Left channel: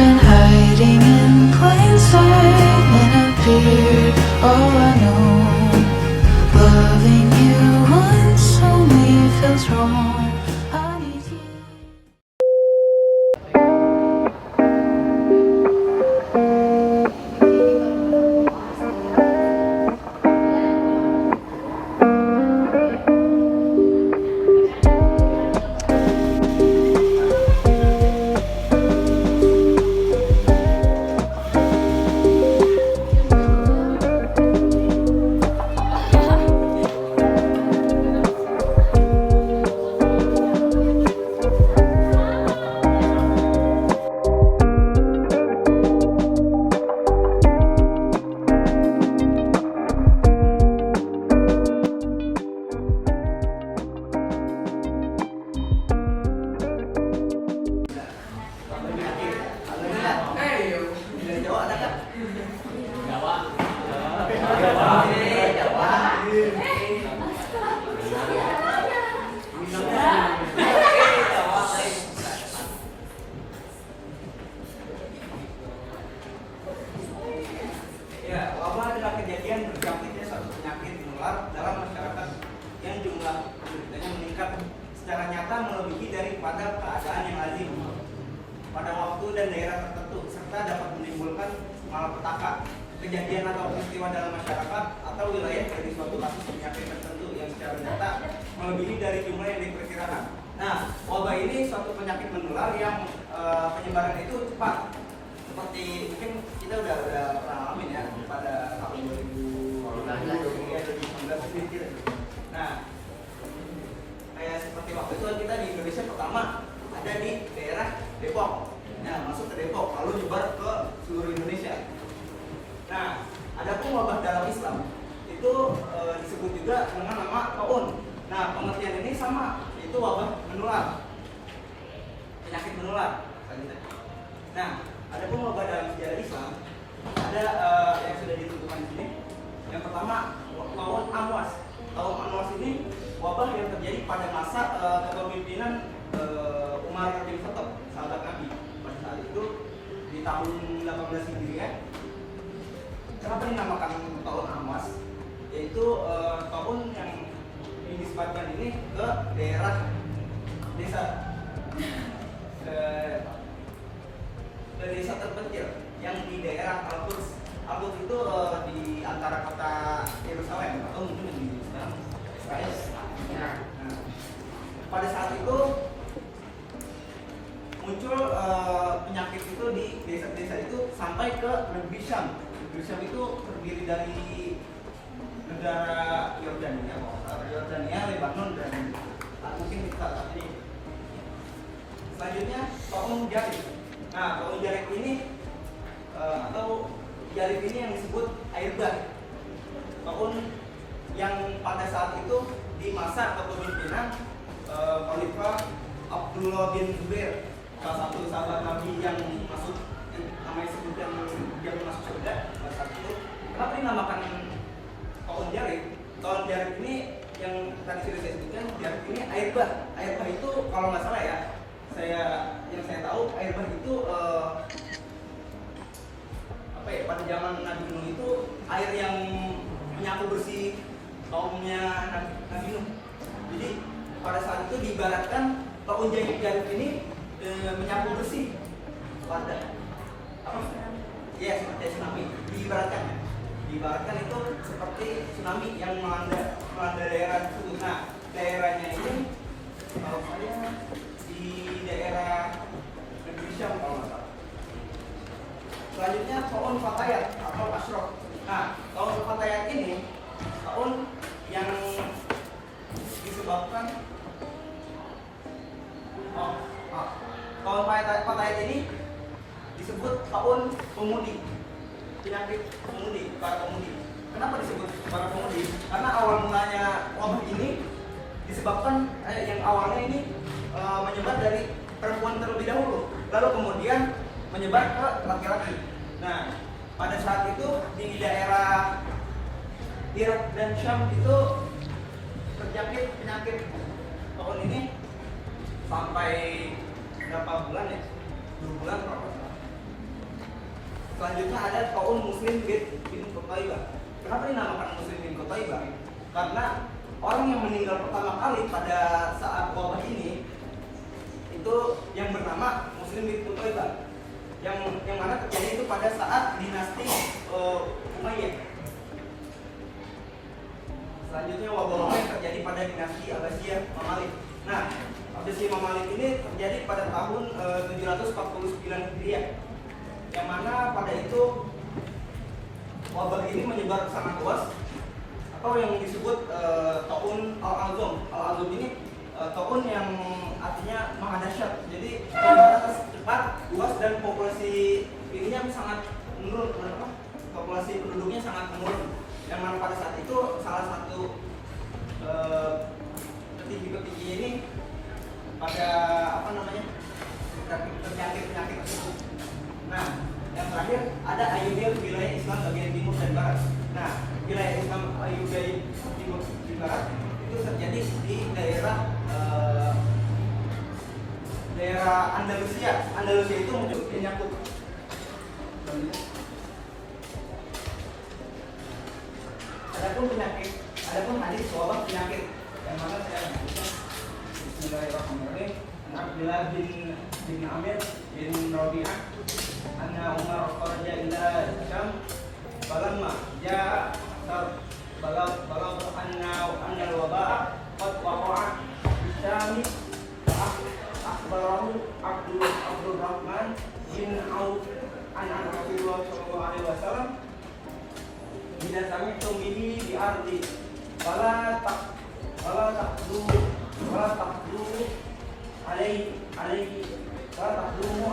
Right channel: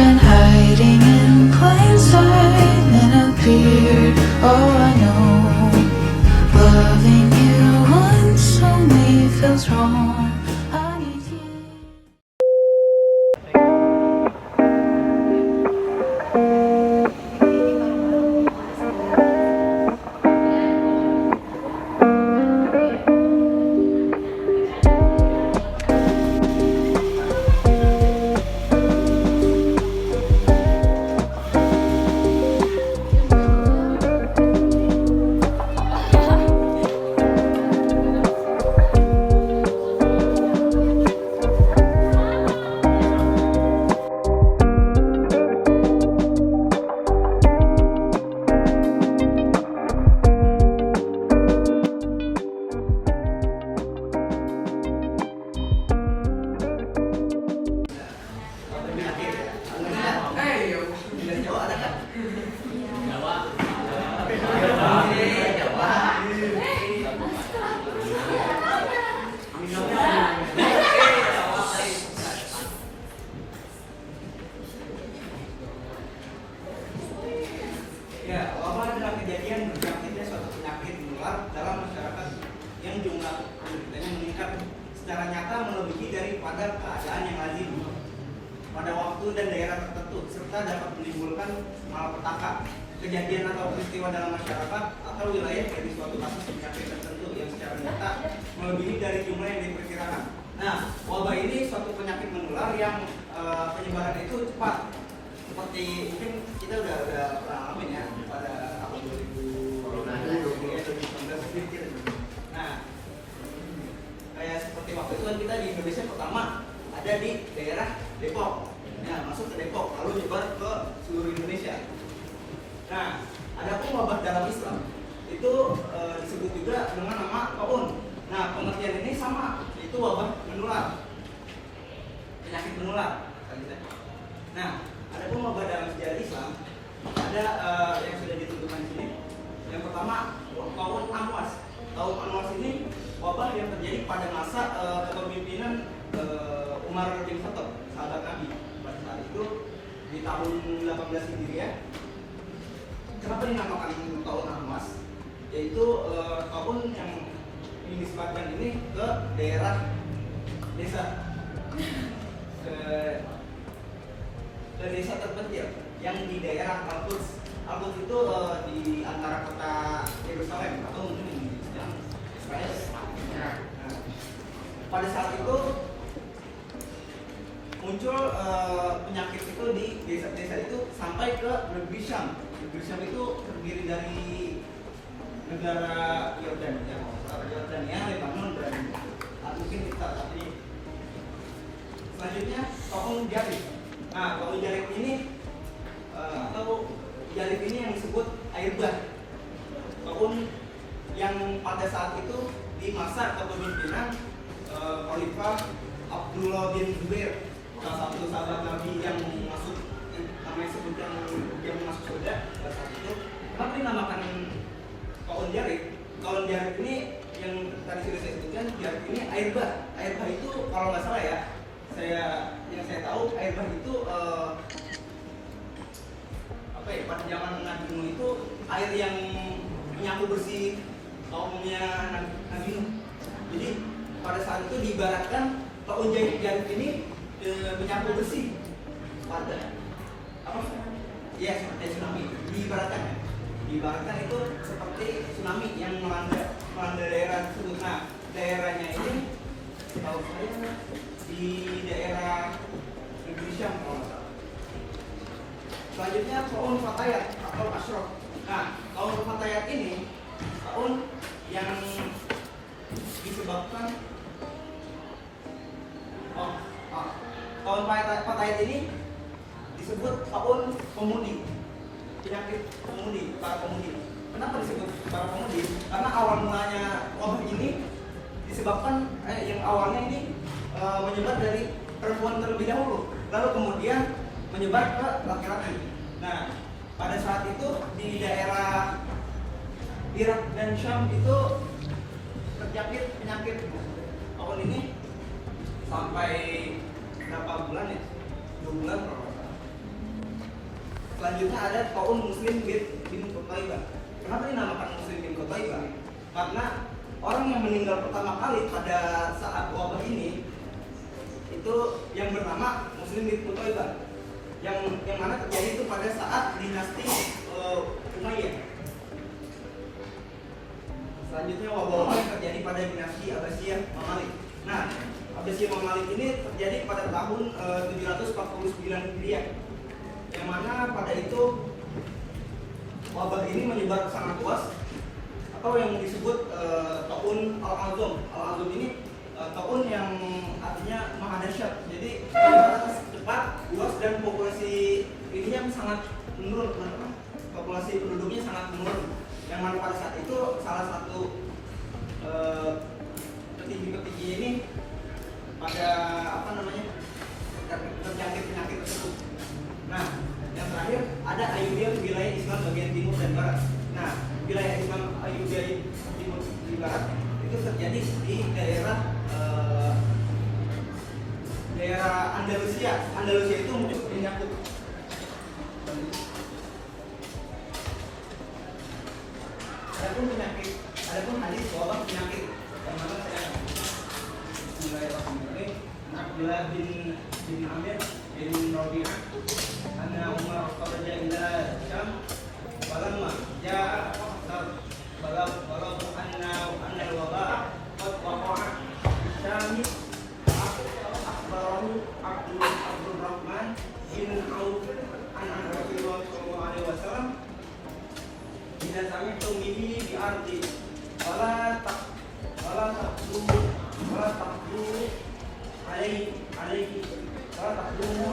been hiding in plain sight and appeared. Oh, I know loving you once only feels wrong. I need you. Ya, wabah adalah kejadian berjangkitnya suatu penyakit menular dalam masyarakat yang jumlah penderitanya meningkat secara nyata melebihi daripada keadaan yang lazim pada waktu dan daerah tertentu, serta dapat menimbulkan malapetaka, kejadian atau peristiwa dalam masyarakat atau wilayah dari suatu kasus penyakit tertentu yang secara nyata melebihi dari jumlah yang diperkirakan. Nah, wabah ini suatu penyakit menular yang penyebaran itu cepat. Seperti mungkin kita udah pernah alamin ya pada tahun 2019 gitu. Nah, kayak seperti waktu itu kan kita di Indonesia pertama ada di daerah Depok. Nah, masuk ke Depok lalu nyebar ke seluruh Indonesia. Nah, ada pun wabah dalam Islam itu disebut juga dengan nama taun. Nah, pengertian ini sama, itu wabah menular, penyakit menular. Nah, ada pun wabah dalam sejarah Islam ada yang sudah ditentukan di sini. Yang pertama, taun Amwas. Taun Amwas ini wabah yang terjadi pada masa kepemimpinan Umar bin Khattab, sahabat Nabi. Pada saat itu di tahun 18 Hijriah. Kenapa dinamakan tahun Amwas? Yaitu tahun yang dinisbatkan ini ke daerah desa ke desa terpencil yang di daerah Al-Quds. Al-Quds itu di antara kota Yerusalem atau mungkin di sekarang Israel. Nah, pada saat itu muncul penyakit itu di desa-desa itu sampai ke negeri Syam. Negeri Syam itu terdiri dari negara Yordania, Lebanon, dan mungkin saat ini. Selanjutnya tahun Jarib. Nah, tahun Jarib ini atau Jarib ini yang disebut air bah. Tahun yang pada saat itu di masa kepemimpinan Khalifah Abdullah bin Zubair, salah satu sahabat Nabi yang masuk, namanya sebutkan yang masuk surga pada saat itu. Kenapa dinamakan tahun Jarib? Tahun Jarib ini yang tadi sudah saya sebutkan, Jarib ini air bah. Air bah itu kalau nggak salah ya, yang saya tahu air bah itu pada zaman Nabi Nuh itu air yang menyapu bersih kaumnya Nabi Nuh. Jadi pada saat itu diibaratkan tahun Jarib ini menyapu bersih pada ya seperti tsunami. Diibaratkan itu seperti tsunami yang melanda daerah tersebut. Nah, daerahnya ini kalau saya di daerah negeri Syam kalau nggak salah. Selanjutnya tahun Fatayat atau Ashraf. Nah, tahun Fatayat ini tahun yang disebabkan tahun Fatayat ini disebut tahun pemudi, penyakit pemudi, para pemudi. Kenapa disebut para pemudi? Karena awal mulanya wabah ini disebabkan yang awalnya ini menyebar dari perempuan terlebih dahulu, lalu kemudian menyebar ke laki-laki. Nah, pada saat itu di daerah Irak dan Syam itu terjangkit penyakit tahun ini sampai berapa bulan ya? 2 bulan kalau nggak salah. selanjutnya ada Taun Muslim bin Qutaibah. Kenapa dinamakan Muslim bin Qutaibah? Karena orang yang meninggal pertama kali pada saat wabah ini itu yang bernama Muslim bin Qutaibah, yang mana terjadi itu pada saat dinasti Umayyah. Selanjutnya wabah yang terjadi pada dinasti Abbasiyah Mamalik. Nah, Abbasiyah Mamalik ini terjadi pada tahun 749 Hijriah, yang mana pada itu wabah ini menyebar sangat luas, atau yang disebut Taun Al-Azam. Al-Azam ini taun yang artinya maha dahsyat. Jadi sangat cepat, luas, dan populasi ininya sangat menurun. Populasi penduduknya sangat menurun. Yang mana pada saat itu salah satu petinggi-petinggi ini pada terjangkit penyakit tersebut. Nah, yang terakhir ada Ayyubiyah wilayah Islam bagian timur dan barat. Nah, wilayah Islam Ayyubiyah timur dan barat itu terjadi di daerah Andalusia. Andalusia itu mungkin menyangkut adapun hadis wabah penyakit yang mana saya Bismillahirrahmanirrahim. Abdullah bin Amir bin Rabi'ah anna Umar kharaja ila Syam falamma jaa balam anna al-waba' qad waqa'a Syam akhbarahu Abdul Rahman bin Auf an Rasulullah sallallahu alaihi wasallam bila kami tumihi di ardi wala taqdu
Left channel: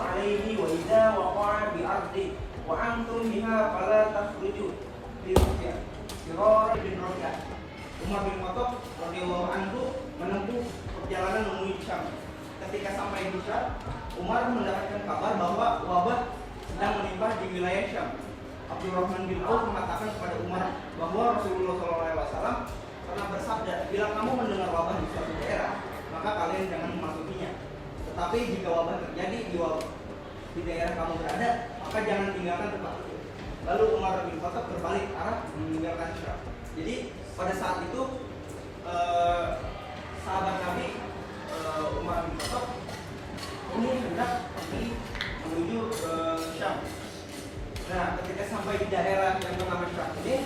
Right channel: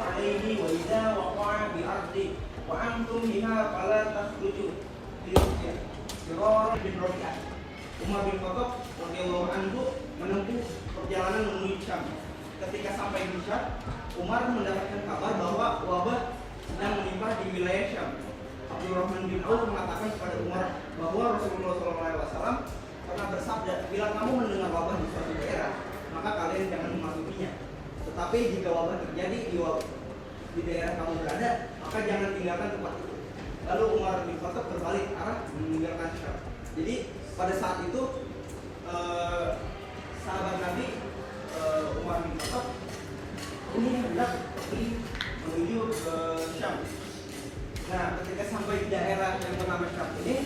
alaihi wa idza waqa'a bi ardi wa antum minha fala takhruju bi ruqyah Sirar bin Rabi'ah. Umar bin Khattab radhiyallahu anhu menempuh perjalanan menuju Syam. Ketika sampai di Syam, Umar mendapatkan kabar bahwa wabah sedang menimpa di wilayah Syam. Abdurrahman bin Auf mengatakan kepada Umar bahwa Rasulullah SAW pernah bersabda, bila kamu mendengar wabah di suatu daerah, maka kalian jangan memasukinya. Tetapi jika wabah terjadi di daerah kamu berada, maka jangan tinggalkan tempat itu. Lalu Umar bin Khattab berbalik arah meninggalkan Syam. Jadi pada saat itu sahabat Nabi Umar bin Khattab ini hendak menuju ke Syam. Nah, ketika sampai di daerah yang bernama Syam ini,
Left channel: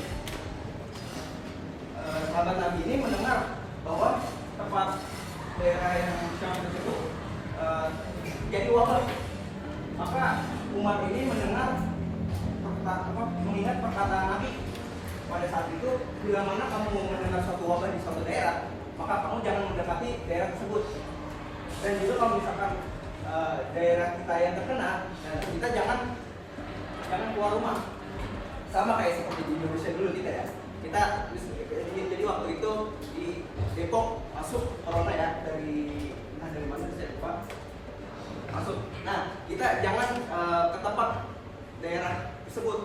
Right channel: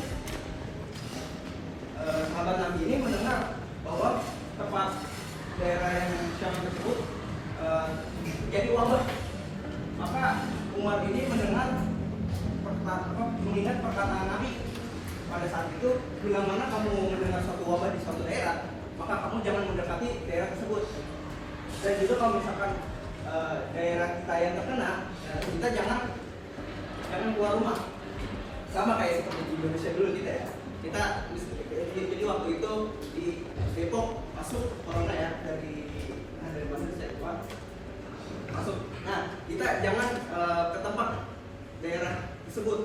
sahabat Nabi ini mendengar bahwa tempat daerah yang Syam tersebut jadi wabah. Maka Umar ini mengingat perkataan Nabi pada saat itu, bila mana kamu mau mendengar suatu wabah di suatu daerah, maka kamu jangan mendekati daerah tersebut. Dan juga kalau misalkan daerah kita yang terkena, kita jangan keluar rumah. Sama kayak seperti di Indonesia dulu kita ya. Jadi waktu itu di Depok masuk corona ya, dari mana saya lupa masuk. Nah, kita jangan ke tempat daerah tersebut.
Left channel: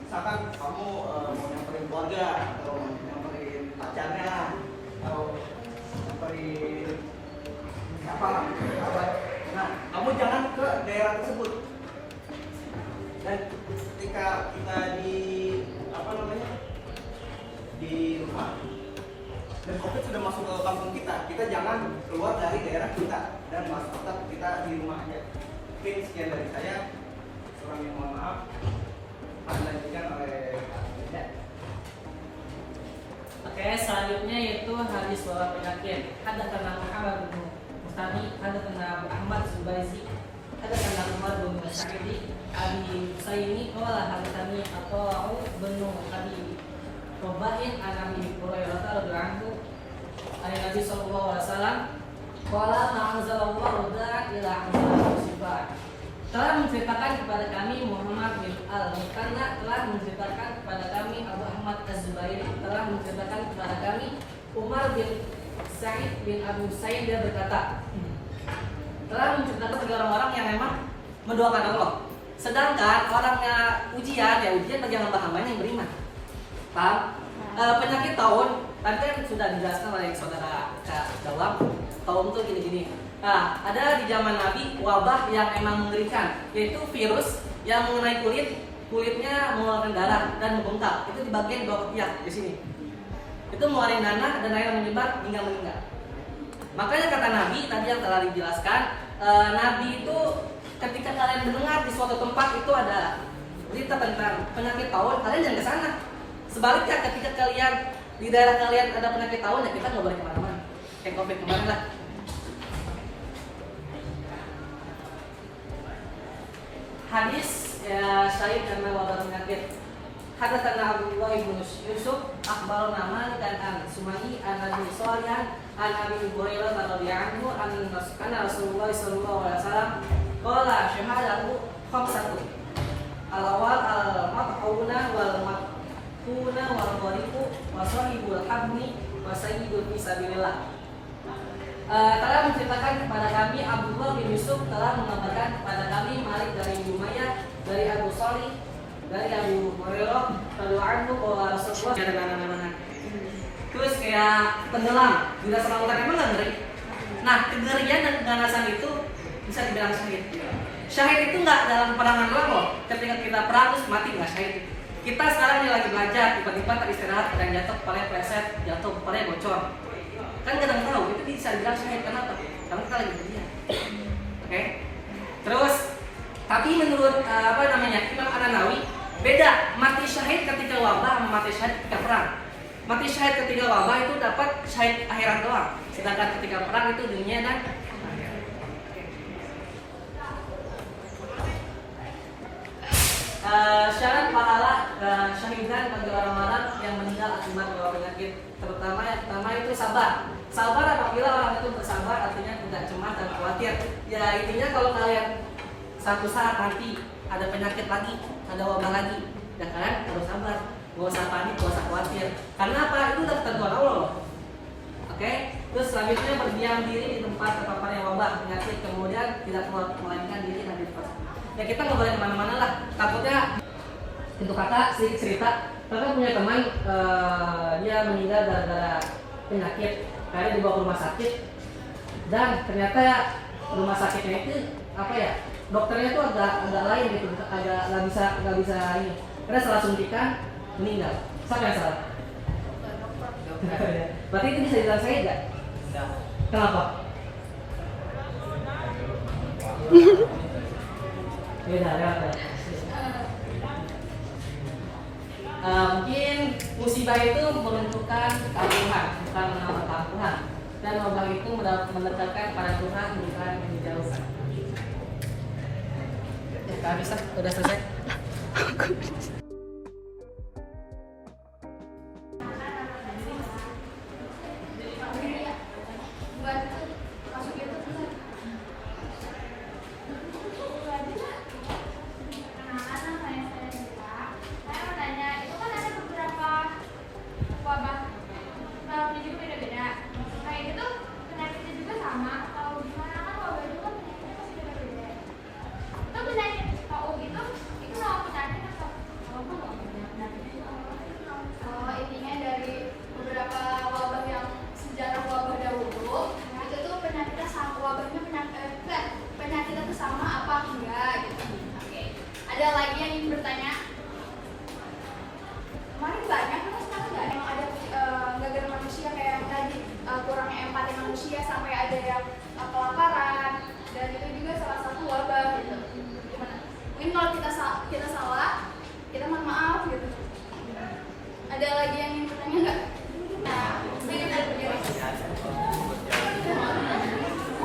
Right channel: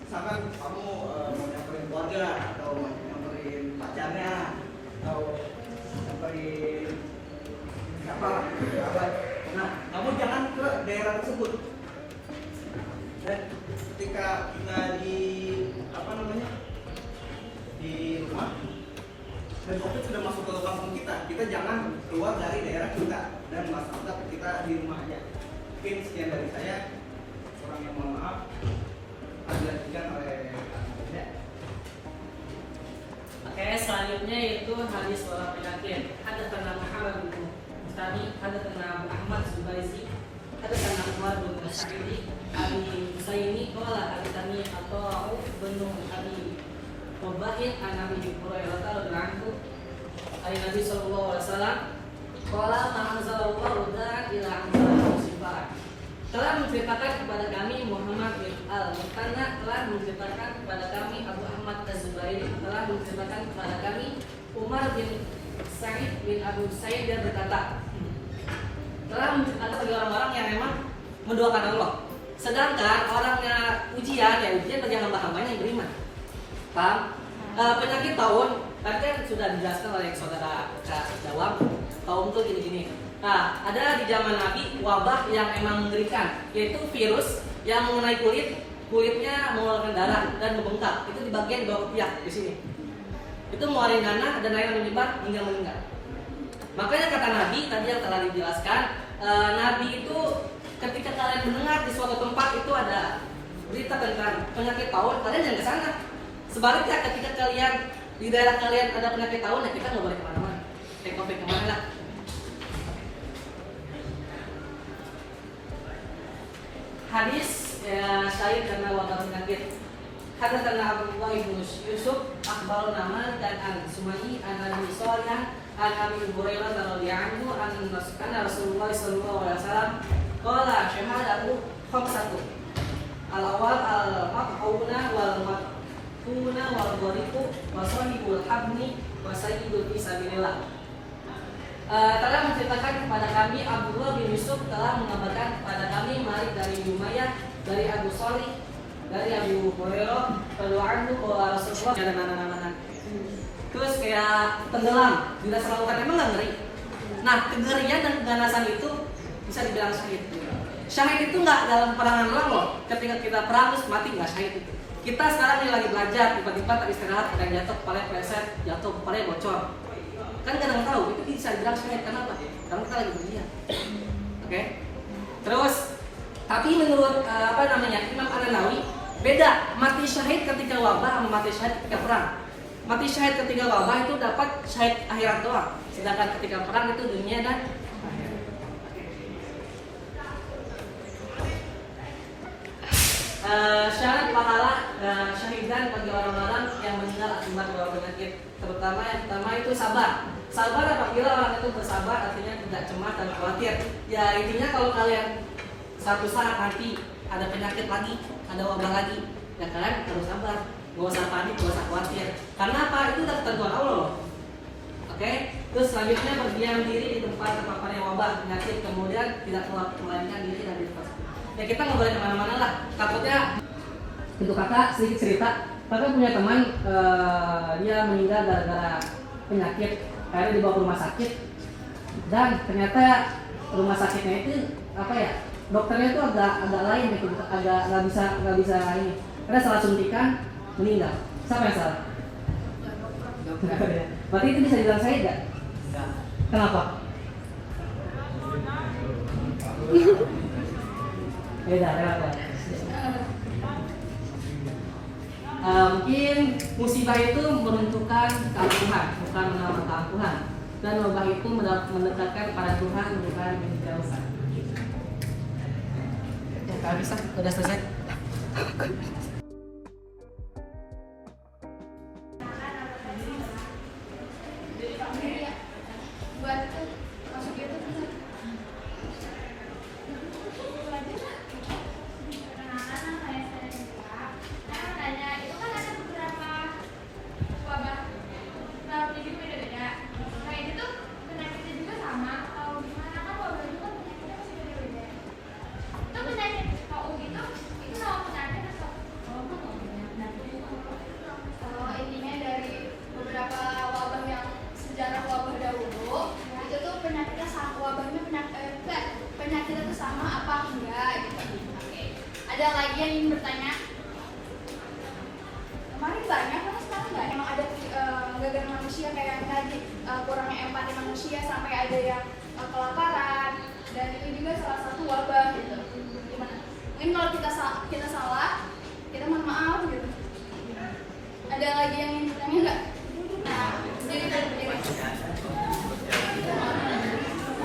Misalkan kamu mau nyamperin keluarga atau nyamperin pacarnya atau nyamperin apa. Nah, kamu jangan ke daerah tersebut. Dan ketika kita di rumah dan COVID sudah masuk ke kampung kita jangan keluar dari daerah kita dan tetap kita di rumah aja. Mungkin sekian dari saya. Kurang yang mohon maaf. Dilanjutkan oleh Anda. Oke, selanjutnya yaitu hadis wabah penyakit. Hadatsana Muhammad bin Mutami, hadatsana Abu Ahmad Zubairi, hadatsana Umar bin Sa'idi, Abi Usaimi, qala hadatsani Atha bin Abi Ubaid an Abi Hurairah radhiyallahu anhu, ayat Nabi sallallahu alaihi wasallam, qala ta'anzalallahu ila musibah. Telah menceritakan kepada kami Muhammad bin Al-Mukanna, telah menceritakan kepada kami Abu Ahmad Az-Zubairi, telah menceritakan kepada kami Umar bin Sa'id bin Abu Sa'id, dia berkata, telah menceritakan segala orang yang memang mendoakan Allah. Sedangkan orangnya ujian, ya ujian bagi hamba hambanya yang beriman. Paham? Penyakit taun, tadi kan sudah dijelaskan oleh saudara Kak Dawam. Taun tuh gini-gini. Nah, ada di zaman Nabi wabah yang emang mengerikan, yaitu virus yang mengenai kulitnya mengeluarkan darah dan membengkak. Itu di bagian bawah ketiak di sini. Itu mengeluarkan nanah dan air yang menyebar hingga meninggal. Makanya kata Nabi tadi yang telah dijelaskan, Nabi itu ketika kalian mendengar di suatu tempat itu ada berita tentang penyakit taun, kalian jangan ke sana. Sebaliknya ketika kalian di daerah kalian ada penyakit taun, ya kita nggak boleh kemana-mana. Take off kemana lah. Hadis syahid karena wabah penyakit. Hadatsana Abdullah bin Yusuf akhbarana Malik an Sumayyi an Abi Shalih an Abi Hurairah radhiyallahu anhu anna Rasulullah sallallahu alaihi wasallam qala syahadatu khamsatu al-awwal al-maquna wal maquna wal ghariqu wa sahibul habni wa sayyidu fi sabilillah. Telah menceritakan kepada kami Abdullah bin Yusuf telah mengabarkan kepada kami Malik dari Umayyah dari Abu Shalih dari Abu Hurairah radhiyallahu anhu bahwa Rasulullah ada nanan-nanan. Terus kayak tenggelam di dasar lautan, emang nggak ngeri? Nah, kengerian dan keganasan itu bisa dibilang syahid. Syahid itu nggak dalam perangan perang loh. Ketika kita perang terus mati nggak syahid itu. Kita sekarang nih lagi belajar, tiba-tiba tak istirahat ada yang jatuh, kepalanya pleset, jatuh kepalanya bocor. Kan kadang tahu itu bisa dibilang syahid. Kenapa? Karena kita lagi berdiam. Oke? Terus tapi menurut Imam An-Nawawi beda mati syahid ketika wabah sama mati syahid ketika perang. Mati syahid ketika wabah itu dapat syahid akhirat doang, sedangkan ketika perang itu dunia dan akhirat. Syarat pahala syahidan bagi orang-orang yang meninggal akibat wabah penyakit, terutama yang pertama itu sabar. Sabar apabila orang itu bersabar, artinya tidak cemas dan khawatir. Ya intinya kalau kalian satu saat nanti ada penyakit lagi, ada wabah lagi, ya kalian harus sabar, gak usah panik, gak usah khawatir. Karena apa? Itu udah ketentuan Allah loh. Oke? Terus selanjutnya berdiam diri di tempat terpaparnya wabah penyakit, kemudian tidak keluar melarikan diri dari tempat. Ya kita nggak boleh kemana-mana lah. Takutnya itu kakak sedikit cerita, kakak punya teman dia meninggal gara-gara penyakit, karena dibawa ke rumah sakit dan ternyata rumah sakitnya itu apa ya? Dokternya itu agak lain gitu, agak nggak bisa ini. Karena salah suntikan meninggal. Siapa yang salah? Berarti itu bisa dibilang saya nggak? Kenapa? Beda. Mungkin musibah itu meruntuhkan keampuhan, bukan menolak keampuhan. Dan wabah itu mendekatkan pada Tuhan, bukan menjauhkan. Gak bisa, udah selesai. Penyakitnya itu sama apa enggak gitu. Ada lagi yang ingin bertanya? Kemarin banyak, karena sekarang enggak. Emang ada gara-gara manusia kayak tadi kurangnya empati manusia sampai ada yang kelaparan, dan itu juga salah satu wabah gitu. Gimana? Mungkin kalau kita salah, kita mohon maaf gitu. Ada lagi yang ingin bertanya enggak? Nah, ini kita berdiri.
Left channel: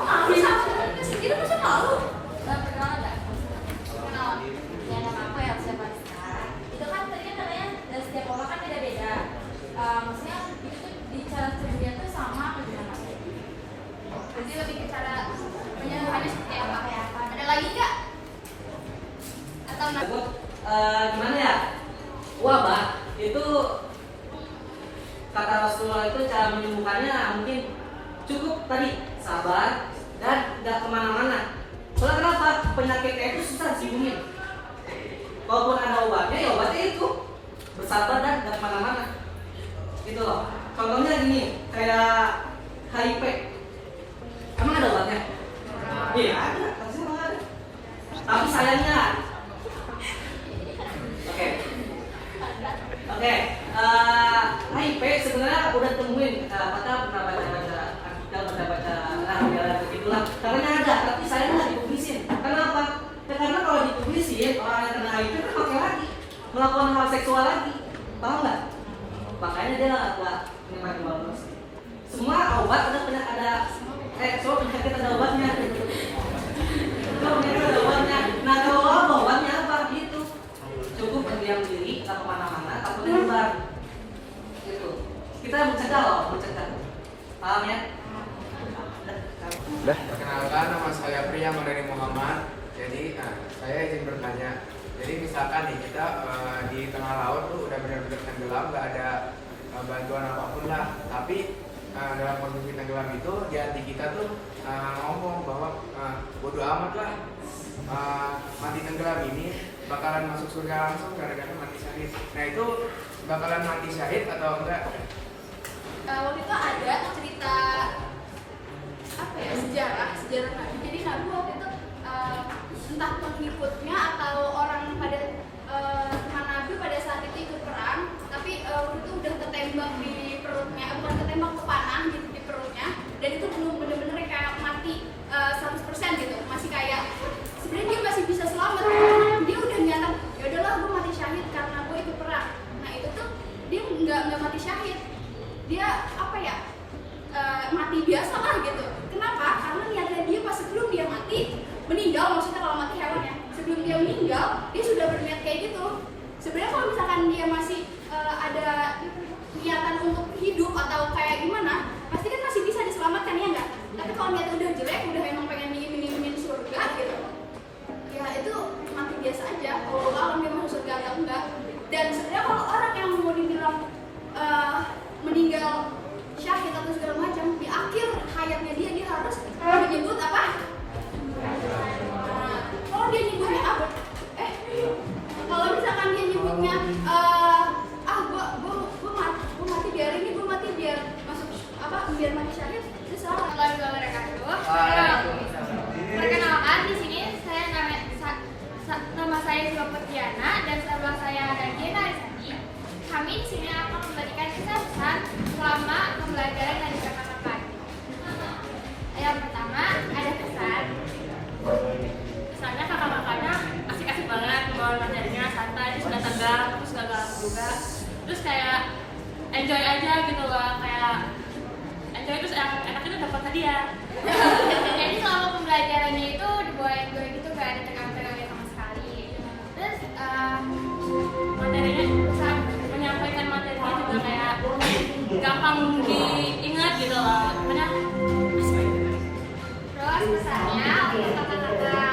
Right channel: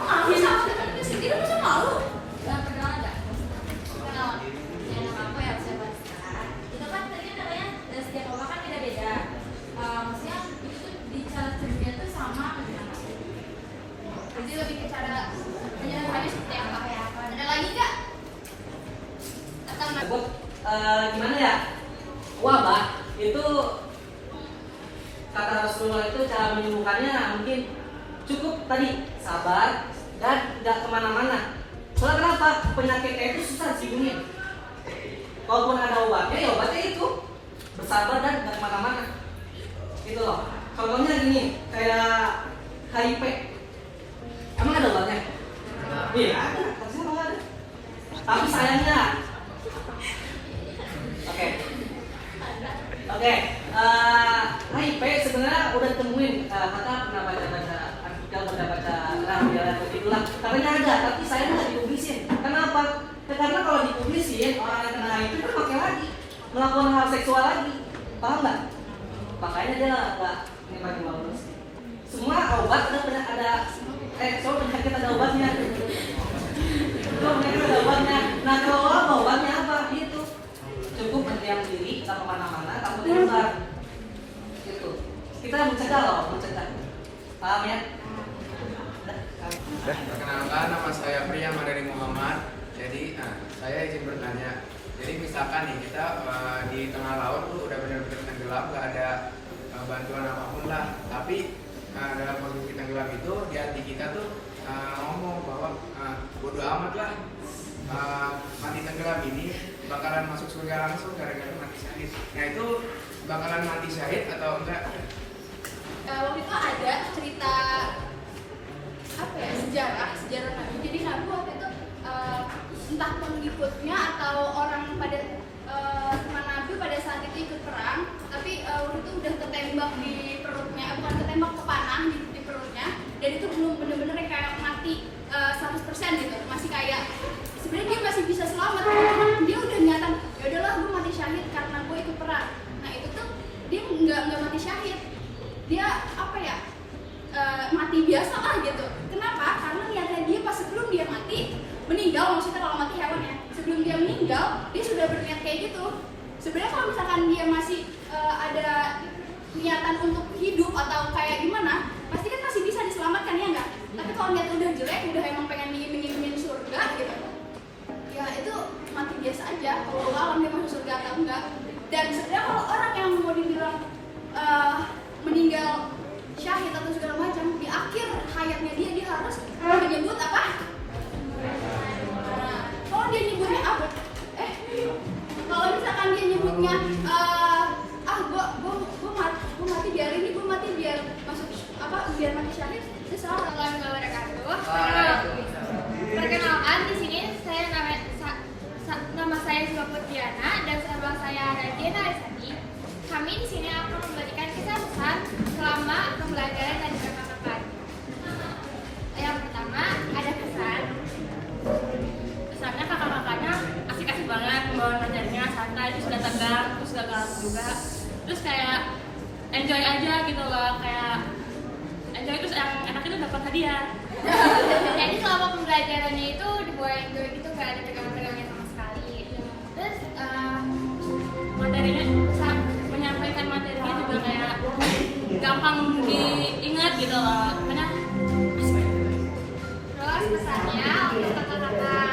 Maafin aku, kita masa malu? Gak pernah ada. Kenal? Ya nama aku yang saya buat. Itu kan tadi katanya dan setiap orang kan beda-beda. Maksudnya itu di cara kerja itu sama apa gimana? Jadi lebih ke cara menyederhanakan seperti apa? Ada lagi nggak? Atau Gimana ya? Wabah itu kata Rasulullah itu cara menyembuhkannya mungkin cukup tadi sabar dan tidak kemana-mana. Soalnya kenapa? Penyakitnya itu susah disembuhin. Kalaupun ada obatnya, ya obatnya itu bersabar dan tidak kemana-mana. Gitu loh. Contohnya gini, kayak HIV. Emang ada obatnya? Iya, ada, terserah ada. Tapi sayangnya, oke, HIP sebenarnya udah temuin, maka pernah baca artikel, pernah baca jalan begitulah. Katanya ada, tapi sayangnya nggak dipublisin. Kenapa? Ya, karena kalau dipublisin, orang yang kena HIV kan pakai lagi, melakukan hal seksual lagi, tahu nggak? Makanya dia nggak nikmati bonus. Semua obat semua penyakit ada obatnya. Ada obatnya. Nah kalau obatnya apa gitu? Cukup berdiam diri, kita kemana-mana, takutnya nyebar. Gitu. Kita mencegah. Paham ya? Perkenalkan, nama saya Priya Madani Muhammad. Jadi, saya izin bertanya. Jadi misalkan nih kita di tengah laut tuh udah benar-benar tenggelam, nggak ada bantuan apapun lah. Tapi dalam kondisi tenggelam itu di hati kita tuh ngomong bahwa bodo amat lah, mati tenggelam ini bakalan masuk surga langsung gara-gara mati syahid. Nah itu bakalan mati syahid atau enggak? Waktu itu ada cerita sejarah Nabi. Jadi Nabi waktu itu entah pengikutnya atau orang pada teman Nabi pada saat itu ikut perang, tapi waktu itu udah ketembak di perutnya, bukan ketembak, kepanah di perutnya, dan itu belum bener-bener kayak mati 100% gitu, masih kayak sebenarnya dia masih bisa selamat, karena dia udah nyata, ya udahlah gue mati syahid karena gue ikut perang. Nah itu tuh dia nggak mati syahid, dia mati biasa lah gitu. Kenapa? Karena niatnya dia pas sebelum dia mati meninggal, maksudnya kalau mati hewannya, sebelum dia meninggal dia sudah berniat kayak gitu. Sebenarnya kalau misalkan dia masih ada niatan untuk hidup atau kayak gimana, pasti kan masih bisa diselamatkan, ya enggak? Tapi kalau niatnya udah jelek, udah emang pengen ingin surga gitu, ya itu mati biasa aja. Kalau alam dia masuk surga atau enggak. Dan sebenarnya kalau orang yang mau dibilang meninggal syahid atau segala macam, di akhir hayatnya dia harus menyebut apa? Kalau dia nyebutnya apa? Kalau misalkan dia nyebutnya gue mati biar ini, gue mati biar masuk biar mati syahid, itu salah. Warahmatullahi wabarakatuh. Perkenalkan, di sini nama saya juga Putiana dan sebelah saya ada Jena Arisani. Kami di sini akan memberikan kesan selama pembelajaran dari kakak-kakak. Yang pertama ada kesan. Kesannya kakak-kakaknya asik-asik banget, pembawaan materinya santai, terus gak tegang, terus gak galak juga. Terus kayak enjoy aja gitu loh, kayak enjoy, terus yang enak itu dapat hadiah. Jadi selama pembelajarannya itu dibawa enjoy gitu, gak ada tegang-tegangnya sama sekali. Terus materinya, menyampaikan materinya juga kayak gampang diingat gitu loh, makanya asik. Terus pesannya untuk kakak-kakak